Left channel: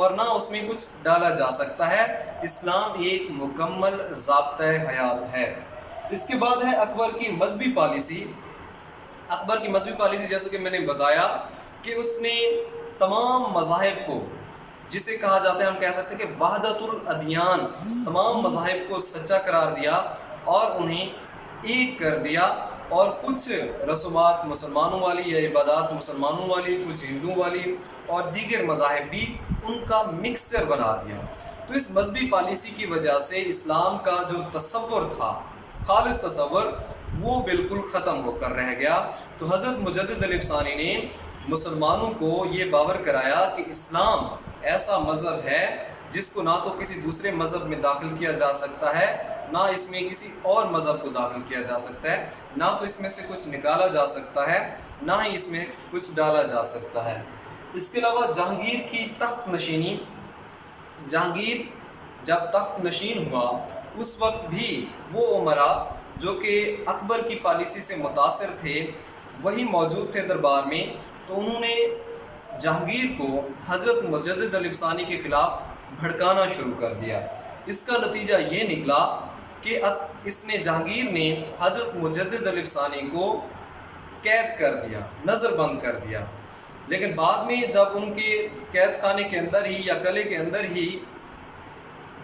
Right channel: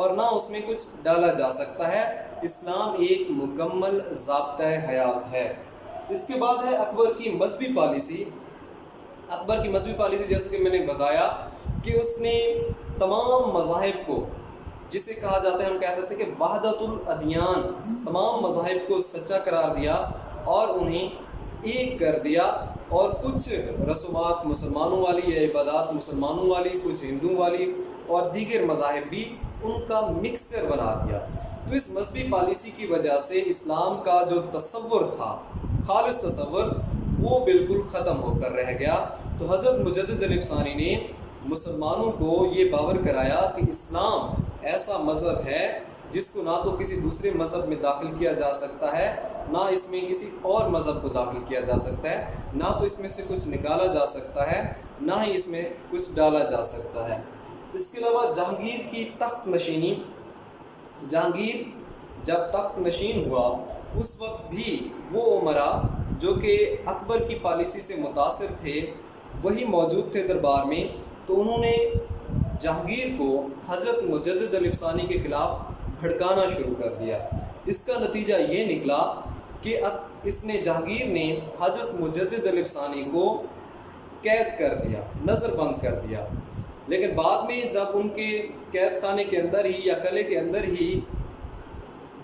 اور نہ اس میں کچھ ڈالا جا سکتا ہے۔ اسلام ایک مکمل ضابطۂ حیات ہے۔ اس کے بعد ہے اکبر کی مذہبی پالیسی۔ اکبر کی مذہبی پالیسی جیسے کہ میں نے بتایا کہ اس نے تمام مذاہب کو، جسے کہا جاتا ہے، ہم کہہ سکتے ہیں کہ وحدت الادیان، تمام مذاہب کو سچا قرار دیا اور انہیں ایک کر دیا، اور کچھ رسومات مسلمانوں والی یا عبادات مسلمانوں والی، کچھ ہندوؤں والی اور دیگر مذاہب بھی، ان کا مکسچر بنا دیا۔ تو اس مذہبی پالیسی کی وجہ سے اسلام کا جو تصور تھا، خالص تصور، وہ بالکل ختم ہو کر رہ گیا۔ تو حضرت مجدد علیہ ثانی نے مسلمانوں کو یہ باور کرایا کہ اسلام ایسا مذہب ہے جس کو نہ تو کسی دوسرے مذہب میں داخل کیا جا سکتا ہے، نہ اس میں کسی اور مذہب کو داخل کیا جا سکتا ہے، نہ تو اس میں سے کچھ نکالا جا سکتا ہے، نہ ہی اس میں کچھ ڈالا جا سکتا ہے۔ اس کے علاوہ جہانگیر کی تخت نشینی، جہانگیر جب تخت نشین ہوا اس وقت بھی وہ امراء جو کہ اکبر کی پالیسی سے متاثر تھے وہی موجود تھے دربار میں، تو انہوں نے جہانگیر کو حضرت مجدد علیہ ثانی کے خلاف بھڑکانا شروع کر دیا۔ اس کا نتیجہ یہ نکلا کہ جہانگیر نے حضرت مجدد علیہ ثانی کو قید کر دیا، نظر بند کر دیا۔ لیکن بعد میں جب ان کے قید خانے کے اندر ہی یا قلعے کے اندر ہی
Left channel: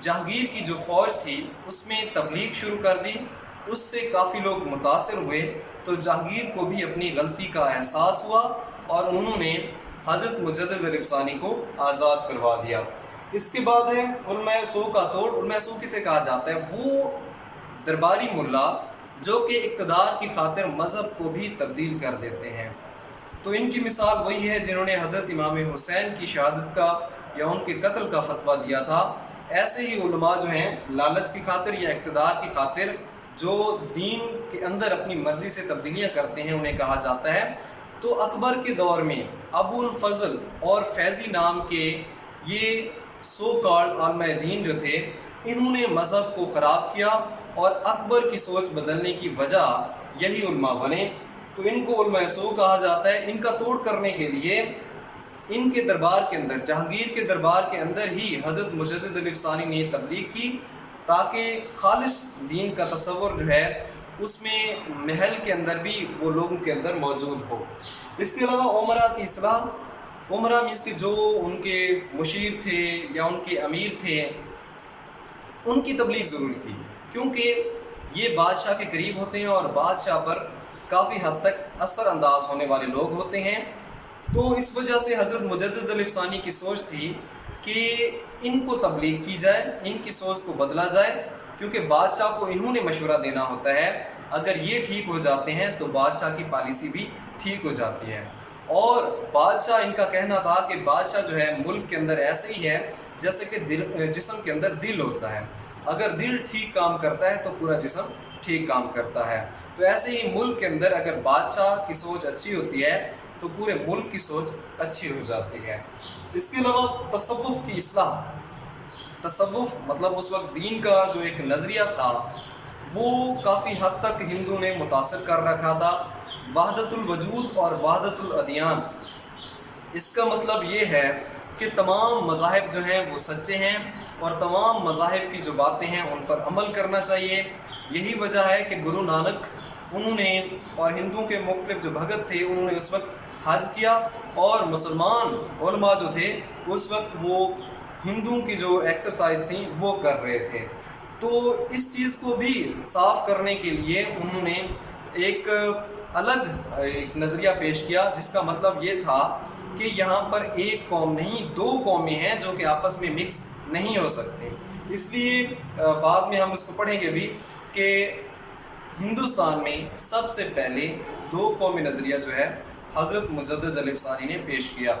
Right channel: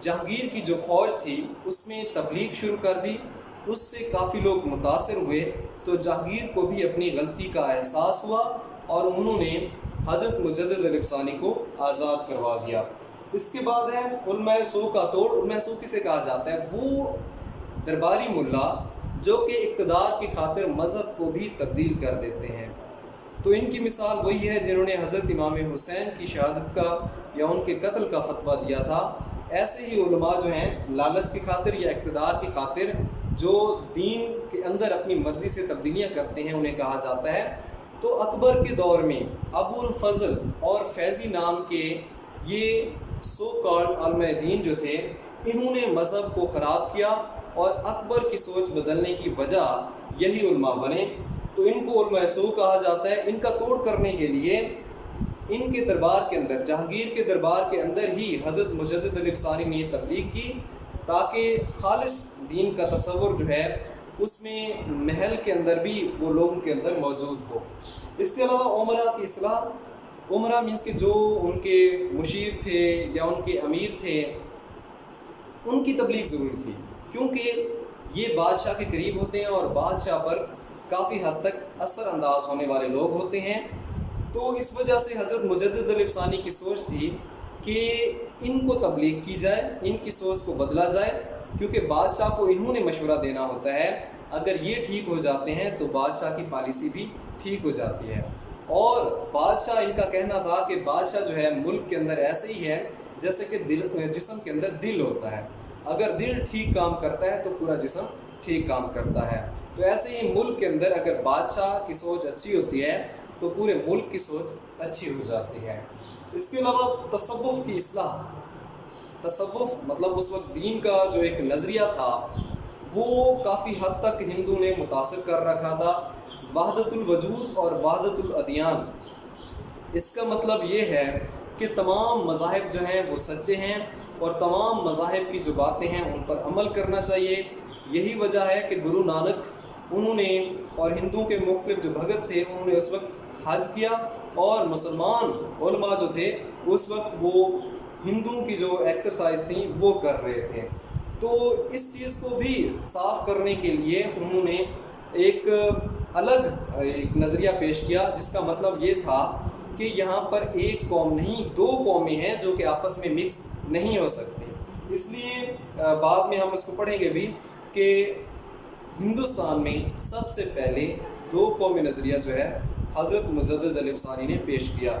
جہانگیر کی جو فوج تھی اس میں تبلیغ شروع کر دی، اس سے کافی لوگ متاثر ہوئے، تو جہانگیر کو بھی اپنی غلطی کا احساس ہوا اور انہوں نے حضرت مجدد علیہ ثانی کو آزاد کروا دیا۔ اس کے بعد ہے علماء سو کا توڑ۔ علماء سو کسے کہا جاتا ہے؟ وہ درباری ملا جو کہ اقتدار کی خاطر مذہب کو بھی تبدیل کر دیتے ہیں۔ تو ان کی مثال وہی ہے جنہوں نے حضرت امام حسین کی شہادت کا یا ان کے قتل کا فتویٰ دیا تھا۔ ایسے ہی علماء جو ہیں لالچ کی خاطر یا اقتدار کی خاطر جو دین کے اندر اپنی مرضی سے تبدیلیاں کرتے ہیں انہیں کہا جاتا ہے۔ تو اکبر کے دور میں ابو الفضل اور فیضی نام کے یہ سو کالڈ علماء دین جو تھے، انہوں نے مذہب کو خراب کیا اور اکبر کی سوچ بدلنے کی وجہ یہی علماء بنے۔ تو ان کو علماء سو کہا جاتا ہے۔ ان کا توڑ کرنے کے لیے ان کے دربار کے اندر، جہانگیر کے دربار کے اندر ہی حضرت مجدد علیہ ثانی نے تبلیغ کی تاکہ خالص دین کا تصور جو ہے اس میں محل کے اندر بھی وہ لوگوں کے اندر موجود ہو۔ اس کے علاوہ عمرہ کی اصلاح۔ عمرہ مینس کہ جو ان کے مشیر تھے یا ان کے امیر تھے ان کی تبلیغ ضروری تھی، کیونکہ یہ بادشاہ کے قریب ہوتے ہیں اور بادشاہ پر کافی حد تک اثر انداز ہونے والے لوگ ہوتے ہیں۔ تو اس وجہ سے حضرت مجدد علیہ ثانی کی سوچ تھی کہ ان کو تبلیغ کی جائے، ان کی سوچ کو بدلا جائے، کیونکہ بادشاہ کو انہوں نے مشورہ دینا ہوتا ہے۔ اگر یہ ٹھیک ہو جاتے ہیں تو بادشاہ کی پالیسی بھی ٹھیک ہو جاتی ہے۔ اور بادشاہ، ان کا کہنا تھا کہ بادشاہ جو ہے ملک کے اندر ایسے ہی ہے جیسے کہ جسم کے اندر دل ہوتا ہے، اگر دل ٹھیک کام کرتا ہے تو پورا جسم ٹھیک کام کرتا ہے۔ تو ایسے ہی ملک کے اندر اگر بادشاہ کی سوچ اچھی ہوتی ہے تو پورے ملک کی سوچ اچھی ہو جاتی ہے۔ اس کے علاوہ تصوف کی اصلاح۔ تصوف مطلب اس وقت دین کا جو ایک نظریہ تھا وہ کافی حد تک ہندو نے متاثر کر رکھا تھا۔ وحدت الوجود اور وحدت الادیان، اس کا مطلب یہ ہے کہ تمام مذاہب جو ہیں وہ سچے ہیں اور تمام مذاہب کی جو باتیں ہیں ان پر عمل کرنا چاہیے۔ یہی وجہ ہے کہ گرو نانک انہوں نے اور ہندوؤں کے مختلف جو بھگت تھے انہوں نے اس وقت حج کیا، اور مسلمان علماء جو تھے اس وقت وہ ہندوؤں کی جو ایکسرسائز تھیں وہ کر رہے تھے۔ تو اس چیز کو بھی صاف کرنے کے لیے انہوں نے ایک الگ ایک نظریہ پیش کیا، جس کا مطلب یہ تھا کہ یہاں پر ایک قوم نہیں، دو قومیں ہیں جو کہ آپس میں مکس نہیں ہو سکتے۔ اس لیے بعد میں ہم اس کو پڑھیں گے بھی کہ ہندوستان میں سب سے پہلے دو قومی نظریہ جو ہے حضرت مجدد علیہ ثانی نے پیش کیا۔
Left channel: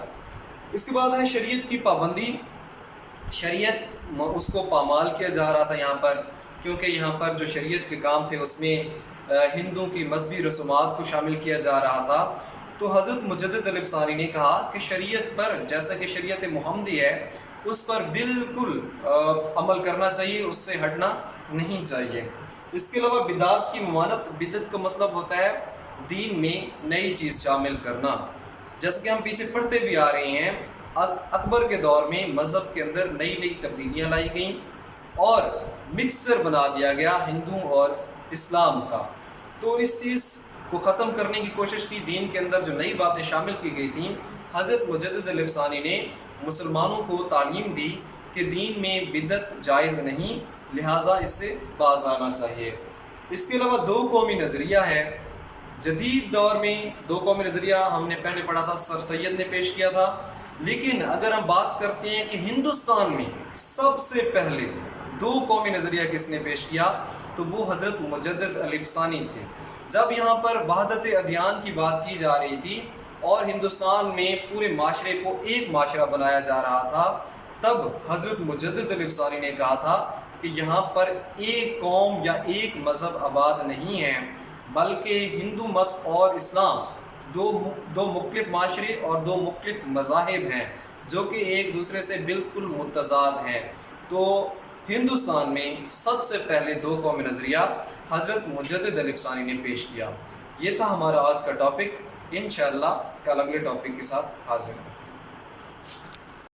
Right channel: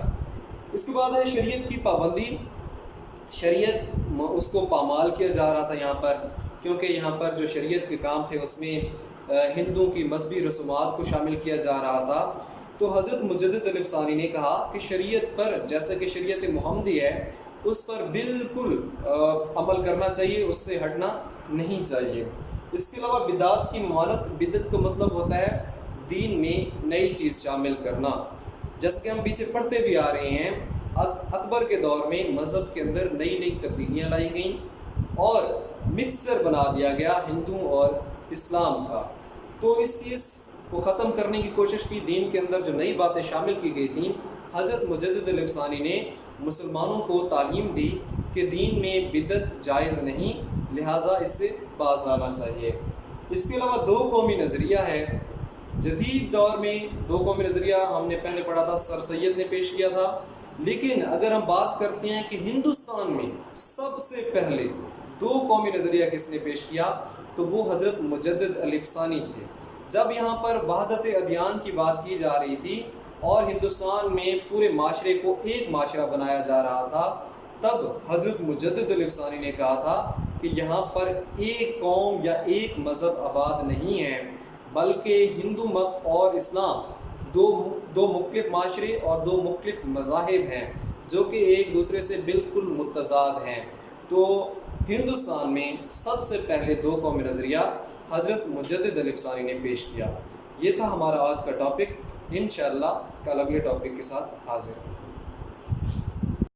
اس کے بعد ہے شریعت کی پابندی۔ شریعت اس کو پامال کیا جا رہا تھا یہاں پر، کیونکہ یہاں پر جو شریعت کے کام تھے اس میں ہندوؤں کی مذہبی رسومات کو شامل کیا جا رہا تھا۔ تو حضرت مجدد علیہ ثانی نے کہا کہ شریعت پر، جیسا کہ شریعت محمدی ہے، اس پر بالکل عمل کرنا چاہیے، اس سے ہٹنا نہیں چاہیے۔ اس کے علاوہ بدعت کی ممانعت۔ بدعت کا مطلب ہوتا ہے دین میں نئی چیز شامل کرنا۔ جیسے کہ ہم پیچھے پڑھتے بھی آ رہے ہیں اکبر کے دور میں مذہب کے اندر نئی نئی تبدیلیاں لائی گئیں اور مکسچر بنا دیا گیا ہندو اور اسلام کا. تو اس چیز کو ختم کرنے کی کوشش کی. دین کے اندر جو نئی باتیں شامل کی گئی تھیں، حضرت مجدد علیہ ثانی نے مسلمانوں کو تعلیم دی کہ دین میں بدعت جائز نہیں، لہٰذا اس سے باز آنا چاہیے. اس کے علاوہ دو قومی نظریہ ہے. جدید دور میں دو قومی نظریہ ہم نے پہلے پڑھا تھا، سر سید نے پیش کیا تھا. لیکن اگر ہم بات کرتے ہیں کہ ہندوستان میں سب سے پہلے دو قومی نظریہ کس نے پیش کیا، تو وہ حضرت مجدد علیہ ثانی تھے. جب یہاں پر وحدت ادیان کی بات کی جا رہی تھی اور ہندوستان میں پورے معاشرے کو ایک معاشرہ بنایا جا رہا تھا، تب حضرت مجدد علیہ ثانی نے کہا تھا کہ یہاں پر ایک قوم یا ایک مذہب آباد نہیں ہے، بلکہ ہندو مت اور اسلام دو مختلف معاشرے اور دو مختلف مذاہب ہیں جو کہ ایک دوسرے سے بالکل متضاد ہیں. تو ہندوستان میں سب سے پہلے دو قومی نظریہ حضرت مجدد علیہ ثانی نے پیش کیا. یہ تھا ہمارا آج کا ٹاپک. انشاءاللہ کل اگلے ٹاپک کے ساتھ حاضر ہوں.